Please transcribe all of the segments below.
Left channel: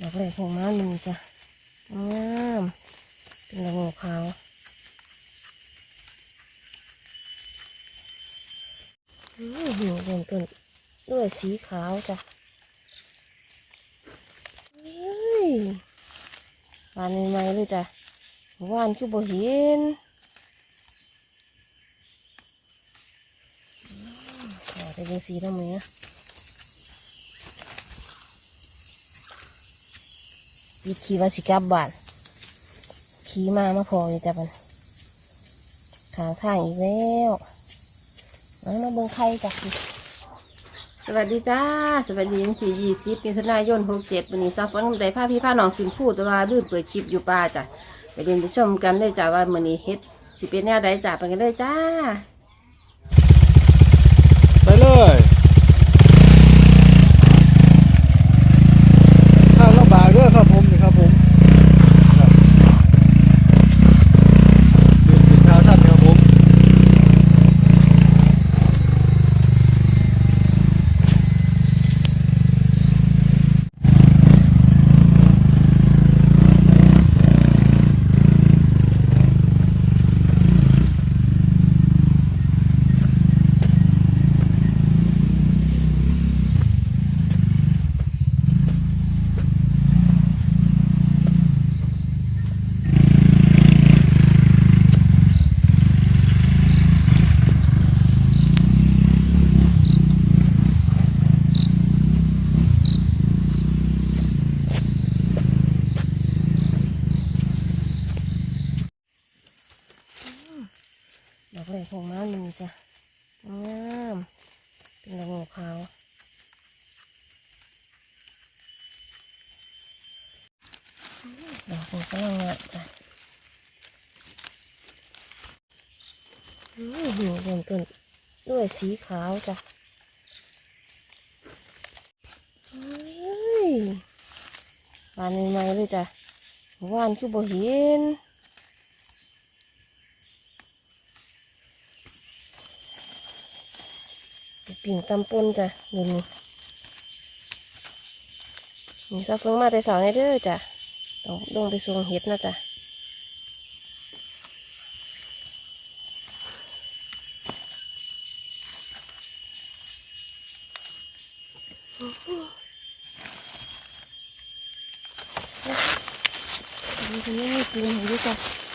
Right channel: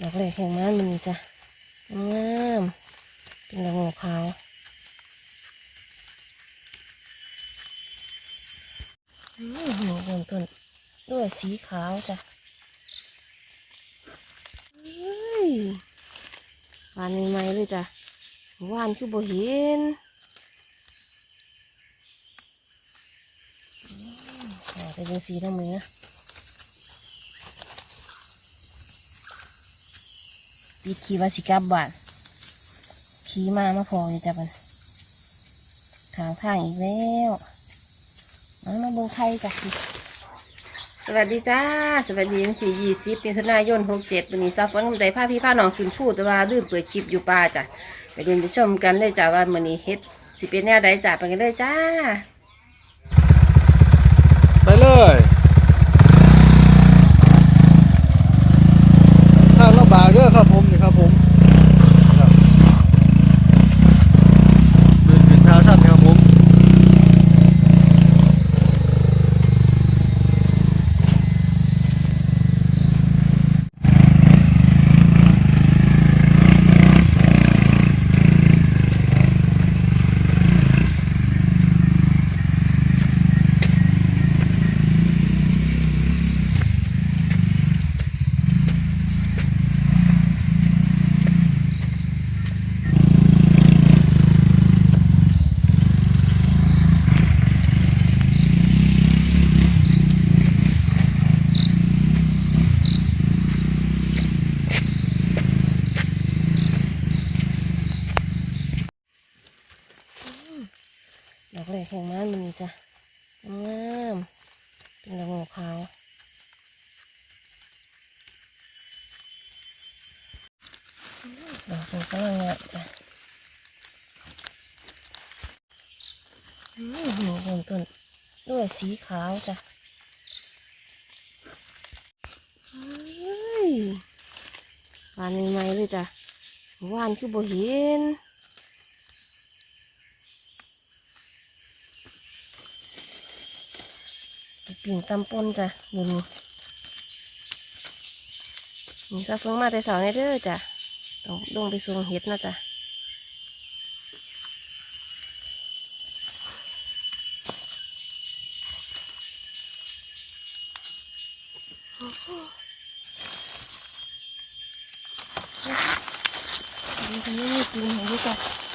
ดอกเลยของน้ำมีจ้ะงามเป็นดอกหัวขาวอืมหัวเริ่มต้นด้วยสีขาวจ้ะเฮ้ยหวานใหม่เลยจ้ะหวานคือบ่เห็นอืมขอเป็นสีน้ำมือ ปิดขี่ว่าสิกลับบ้านขี่มามาพอเลยจ้ะมันทางทางอีกแล้วมามาเบิ่งไข่จ้ะสวัสดีจ้า สวัสดีวันที่ยี่สิบมิถุนายนหกเจ็ดวันนี้ซาฟอนได้พาพี่พาน้องขึ้นพูดแต่ว่าลืมเปิดคลิปอยู่ป่าจ้ะไปเดินไปชมกันเลยจ้ะว่ามื้อนี้เฮ็ดสิเป็นแนวใดจ้ะไปกันเลยจ้า ไปเลยทางลำบากเด้อครับผมนี่ครับผมครับเป็นเป็นทางสั้นครับผม ดอก เลยแของน้ำมีจ้ะงามเป็นดอกหัวขาวดอกของกำลังงามจ้ะอืมหัวเริ่มต้นด้วยสีขาวจ้ะหวานใหม่เลยจ้ะหวานคือบ่เห็น ปิ่งตำปนจ้ะนี่นี่นี่ซาเฟิงมาแต่สาวในเด้อจ้ะต้องลงไปส่งเห็ดนะจ้ะนี่ก็ยังมีปิ่งให้ด้วยจ้ะ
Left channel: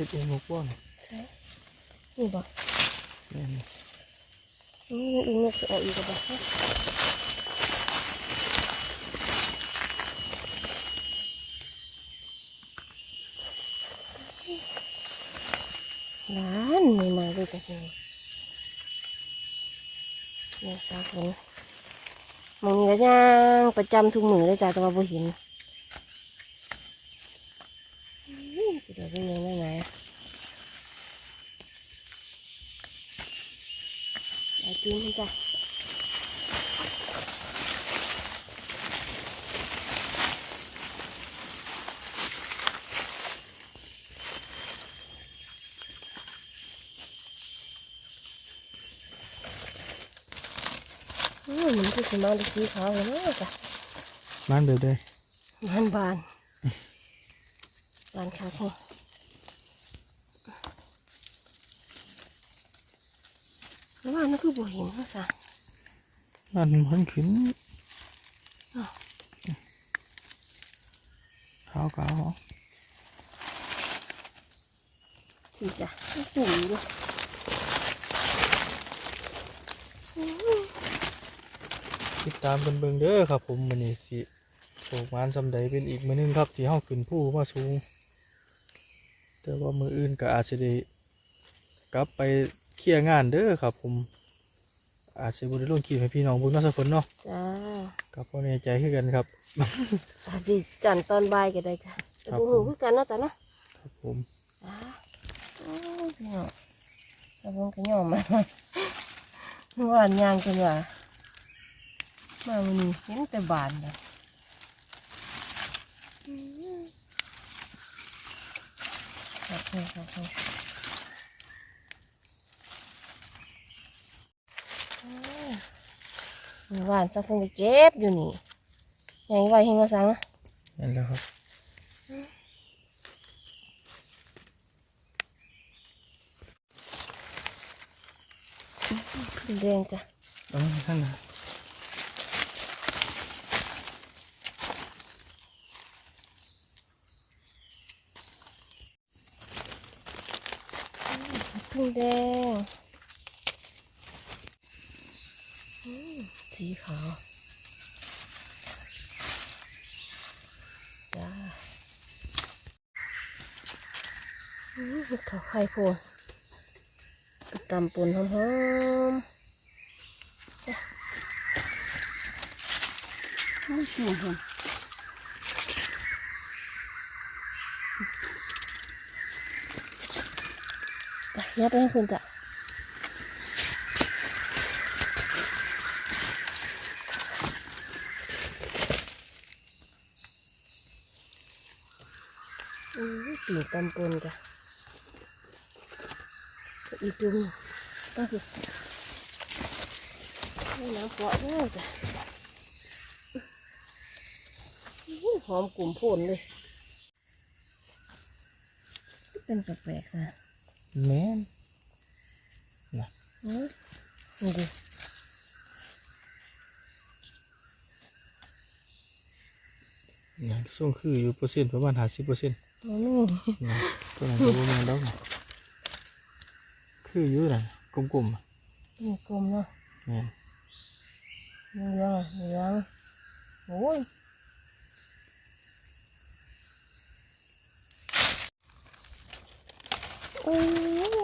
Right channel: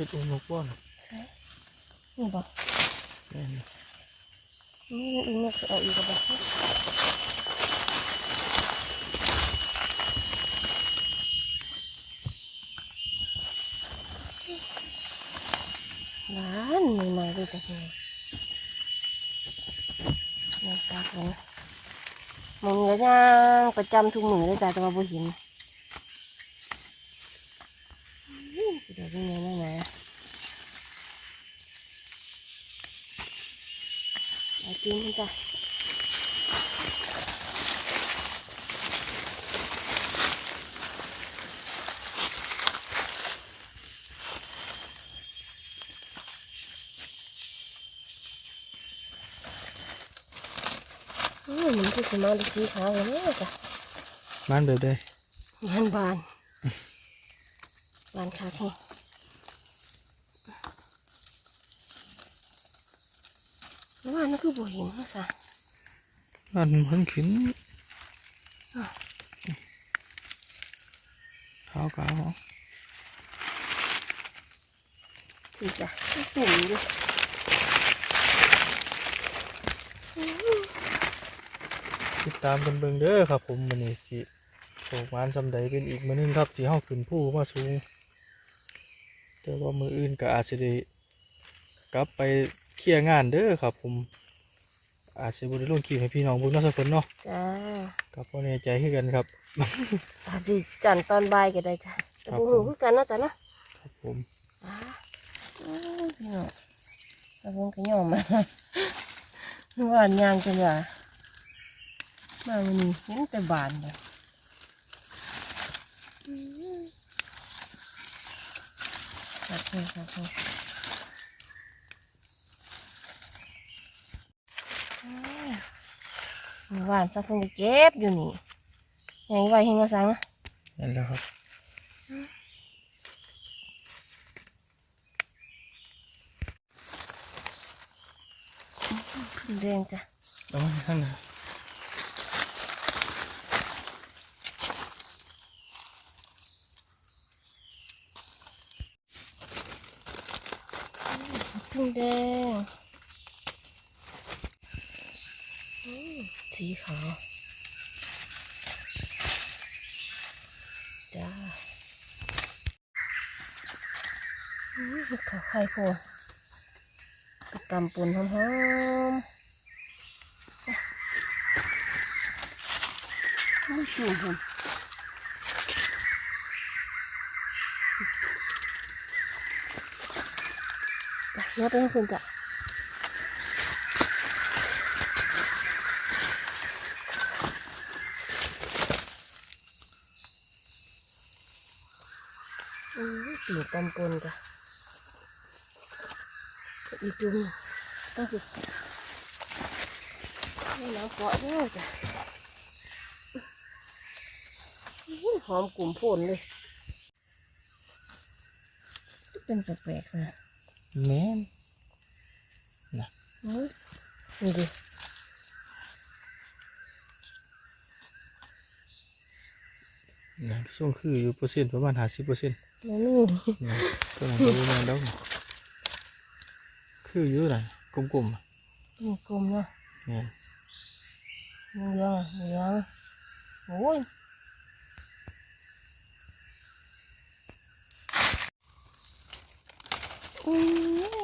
เฮ็ดเองหกว่อนใช่นี่บอกแม่นนี่อีกนี่คือเอาอีกกระบอกนั่นไม่มาเลยจ้ะนี่นี่ตาคนมึงก็ย่างประจำทุกมือเลยจ้ะแต่ว่าบ่เห็นอื้อเดี๋ยวเป็นไงมาไหนไอ้ปีนจ้ะอื มมันคือสมาดูสีขาวเลยนะจ้ะมันแบบใดบานบานบานขาแข็งแล้วว่านั่นคือบัวหินเขาสะมันเพิ่นขึ้นอ้าวเท้ากาวถือจ้ะตุ่มอยู่ ติดตามกันเบิ่งเด้อครับผมมื้อนี้สิโศกมานซำใดเป็นอีกมื้อหนึงครับที่เฮาขึ้นผู้มาสูง แต่ว่ามื้ออื่นก็อาจสิได้กลับไปเคลียร์งานเด้อครับ ผม อาจสิบ่ได้ลงคลิปให้พี่น้องเบิ่งเนาะสักคนเนาะจ้าก็บ่แน่ใจคือกันครับ อาจสิจันตอนบ่ายก็ได้จ้ะแต่ครับบุผมหูคือกันเนาะจ้ะเนาะครับผมอ่าโอ้ยพี่น้องแล้วผมก็ยอมมา หวานยางจังว่า มาวันนี้เห็นแต่บานเลยอืมครับนี่ครับนี่เมื่อวานสักคนไปเก็บอยู่นี่ยังไว้ให้เงาสังนะนั่นแหล้วครับแดงจ้ะเอามาข้างหน้า พึ่งแดง สีขาวจ้าอืมขาวไข่โพดไปตำปุ่นหอมๆไม่ชัวร์ค่ะไปเดี๋ ยวไปให้คุณจ้ะอืมปีกตำปนจ้ะอีกจุ่มต้องสิให้น้ำเกาะด้วจ้ะหอมกลุ่มโพนเลย เป็นแปลกๆซะ แม่นอืมนี่ดินะส่งคืออยู่เปอร์เซ็นต์ประมาณห้าสิบเปอร์เซ็นต์มันนี่นะตัวนั้นก็บ่แม่นดอกนะคืออยู่น่ะกลมๆอะนี่กลมเนาะแม่นเหลืองอะเหลืองโอ้ย อุ้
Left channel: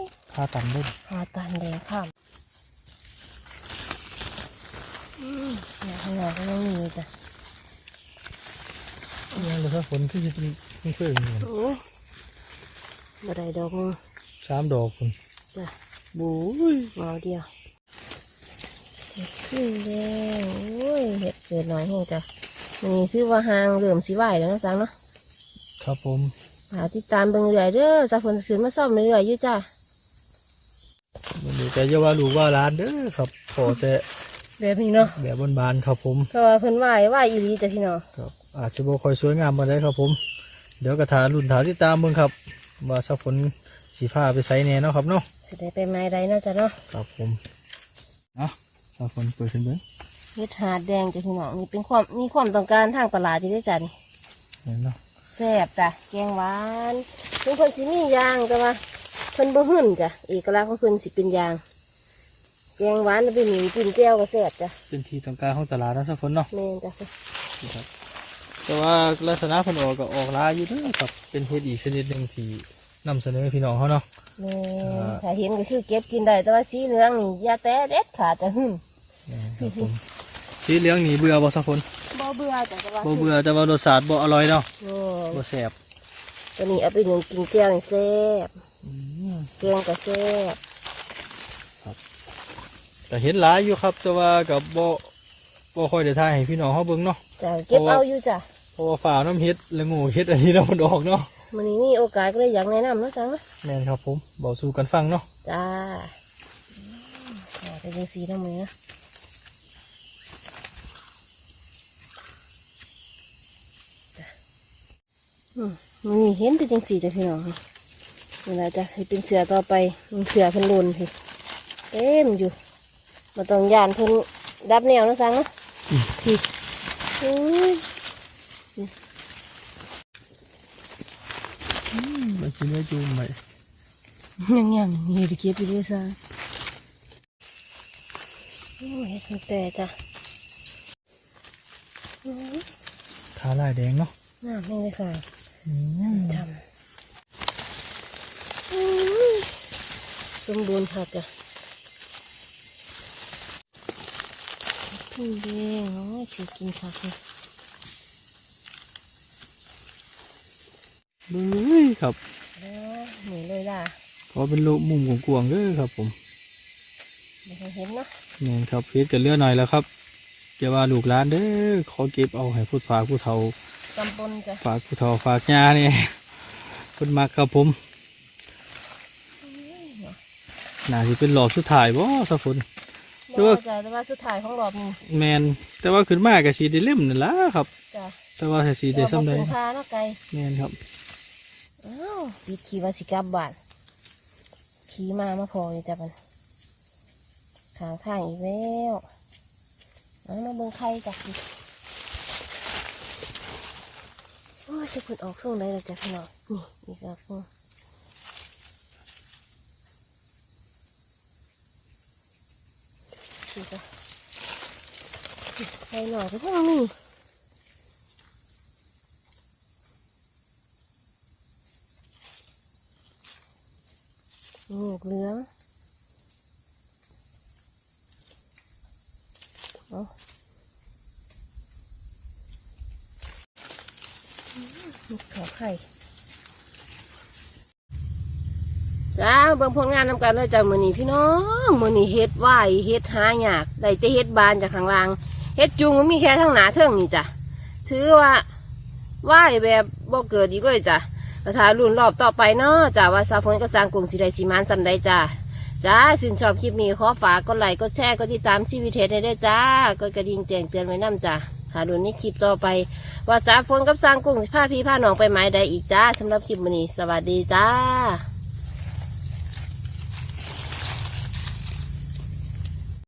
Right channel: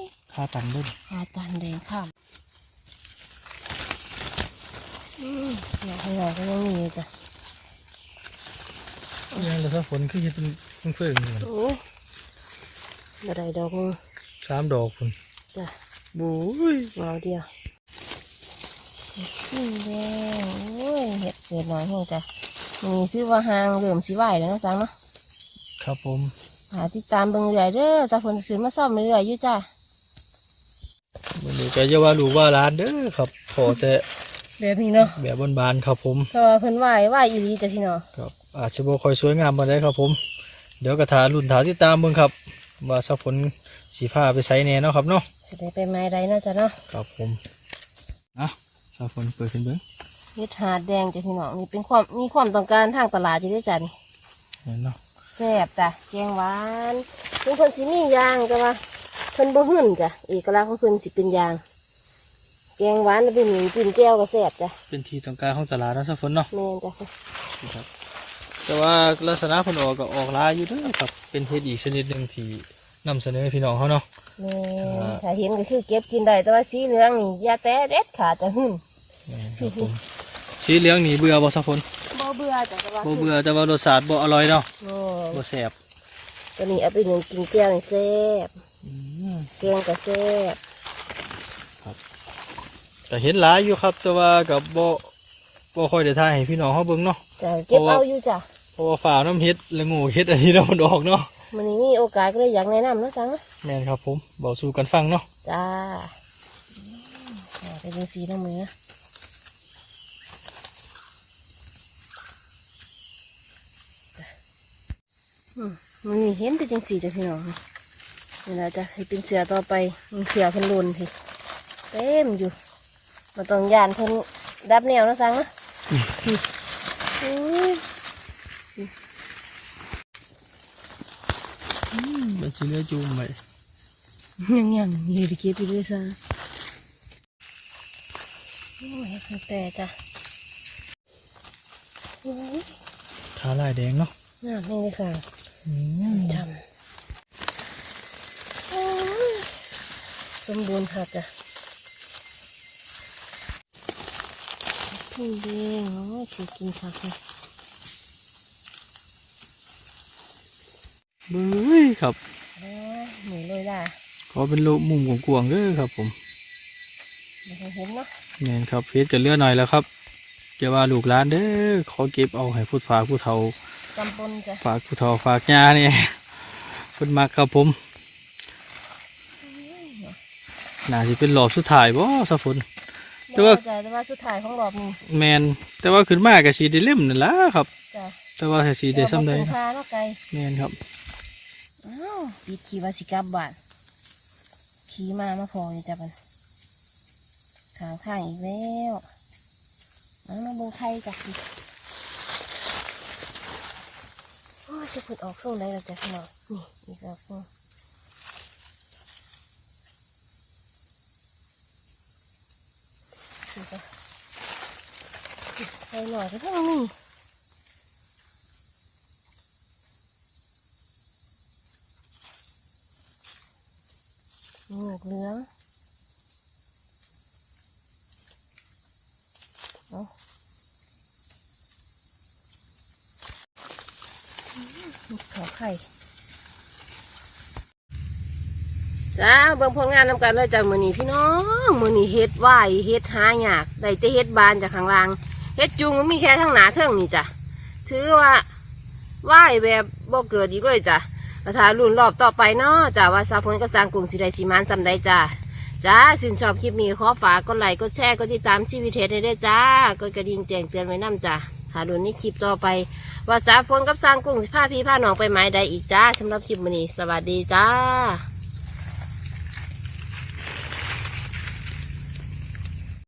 ยค่าตันเบิ่นหาตันแดงข้ามอืมหนาข้างนอกก็ยังมีอยู่จ้ะยังแต่ถ้าฝนคือเฮ็ดเป็นเพิ่งๆอยู่น่ะโอ้ยบ่ได้ดอกนึงสามดอกพุ่นจ้ะบุ้ยเอาเดียวเห็ดขึ้นแดงโอ้ยเห็ดเกิดหน่อยให้จ้ะนี่คือว่าหางเริ่มสิไหวแล้วเนาะสังเนาะครับผมหา ติดตามเบิ่งเรื่อยๆเด้อสักคนขึ้นมาซ่อมเรื่อยๆอยู่จ้ะวันนี้ก็จะว่าลูกว่าร้านเด้อครับขอแต่แบบนี้เนาะแบบบานๆครับผมเพราะว่าเพิ่นไหวไหวอีหลีจ้ะพี่น้องครับอาจจะบ่ค่อยสวยงามปานใดครับผม เดี๋ยวกระถารุ่นถาที่ตามเบิ่งครับ ว่าสักฝนสีผ้าไปใส่แน่เนาะครับเนาะสิได้ไปไม้ใดเนาะจ้ะเนาะครับผมอะสักฝนเปิดขึ้นเบิ่งเฮ็ดหาดแดงจ้ะพี่น้องนี่เป็นความมีความต้องการทางตลาดอยู่เด้อจ้ะนี่เห็นเนาะ แซ่บจ้ะแกงหวานถึงเพิ่นสิมียางแต่ว่าเพิ่นบ่หึ่นจ้ะเอกลักษณ์ของเพิ่นสิเป็นยางแกงหวานแล้วเป็นหมี่ปิ้นแก้วก็แซ่บจ้ะเป็นที่ต้องการของตลาดเนาะสักฝนเนาะแม่นจ้ะครับแต่ว่าลักษณะเพิ่นออกก็ออกหลายอยู่เด้อครับเป็นเฮ็ดอีกชนิดหนึงที่นำเสนอให้พี่น้องเขาเนาะแม่อ่าถ้าเห็นก็คือเก็บกินได้แต่ว่าสีเหลืองนี่อย่าแต่เด็ดขาดจะหึ่นนี่ครับผมสีเหลืองนี่เบื่อบ่สักฝนบ่ เบื่อจ้ะแต่ว่าบ่เบื่อแต่ว่ารสชาติบ่อร่อยเนาะแม่บ่แซ่บตัวนี้เอาไปหนึ่งกินแก้วนี่แซ่บอืมแกงก็แซ่บก็เห็นหลายอยู่ครับ แต่ว่ากับบ่บ่ค่อยได้ถ่ายให้พี่น้องเขาเบิ่งเนาะจ้ะเก็บเพราะว่าเอาอยู่จ้ะเพราะว่าฝ่าวน้ำเฮ็ดและงูเฮ็ดอันนี้เรามันออกเนาะมันนี้มีโอกาสก็เลยอยากแนะนำเนาะจังนะแม่นครับผมบอกสู่กันฟังเนาะจ้าอืมอ่าเป็นจังสีทั้งมือนะจ้ะ มันนี่เห็นแต่จังสีจ้ะพี่น้องนี่นะจ้ะให้เป็นเสือต่อไปมีเสือเพิ่นลุนพี่เต็มอยู่มาต้องยานเพิ่นดับแนวนะจังนะพี่มันสิเนื้อจุ่มไปยังยังมีไปเก็บไปด้วยซ้ำนี่ให้แต่จ้ะขาลายแดงเนาะน้ำให้ได้สั่ง จำอืมสมบูรณ์พอจ้ะพึ่งแดงโอ้ยถือกินผักเลยเบ้ยครับแล้วหนูเลยล่ะขอเป็นโลมุมกวางๆเด้อครับ ผมไม่เคยเห็นเนาะแม่นครับเฮ็ดกันเลือหน่อยแล้วครับเกี่ยวว่าลูกหลานเด้อขอเก็บเอาให้พูดฝากผู้เฒ่า จำปนจ้ะฝากผู้เฒ่าฝากย่าเนี่ยเพิ่นมักครับผมน่าสิเป็นหลอบสุดท้ายบ่สะฝนแต่ว่าจ้ะแต่ว่าสุดท้ายของรอบนี้แมนแต่ว่าขึ้นมาก็สีได้เล่มนั่นล่ะครับจ้ะแต่ว่าถ้าสีได้ซ้ำใดเอาบ่เป็นพาเนาะไก่แมนครับอ้าวปิดขี่ว่าสิกลับบ้านขี่มามาพอเลยจ้ะมันทางทางอีกแล้วน้องมาเบิ่งไข่จ้ะโอ้ย จะขุดออกส่งได้แล้วจ้ะพี่น้องนี่อีกออกส่งนี่จ้ะไข่หน่อยก็เพิ่งมีหมวกเหลืองอาอื ขาวไข่จ้าบิ่งผลงานนำกันเลยจ้ามือนี้พี่น้องมือนี้เฮ็ดไหวเฮ็ดหายากได้แต่เฮ็ดบานจากข้างล่างเฮ็ดจุงมันมีแค่ทั้งหนาเทิงนี่จ้ะถือว่าไหวแบบบ่เกิดอีกเลยจ้ะกระถารุ่นรอบต่อไปเนาะจ้าว่าสาวพลก็สร้างกลุ่มสิไดสีมานสำได้จ้าจ้าสินชอบคลิปนี้ขอฝากกดไลค์กดแชร์กดติดตามชีวิตเทศได้ด้วยจ้ากดกระดิ่งแจ้งเตือนไว้นํจ้าหารุ่นนี้คลิปต่อไป ว่าสาวพลกับสร้างกลุ่มผ้าพี่พาหนองไปหมายใดอีกจ้าสำหรับคลิปมื้อนี้สวัสดีจ้า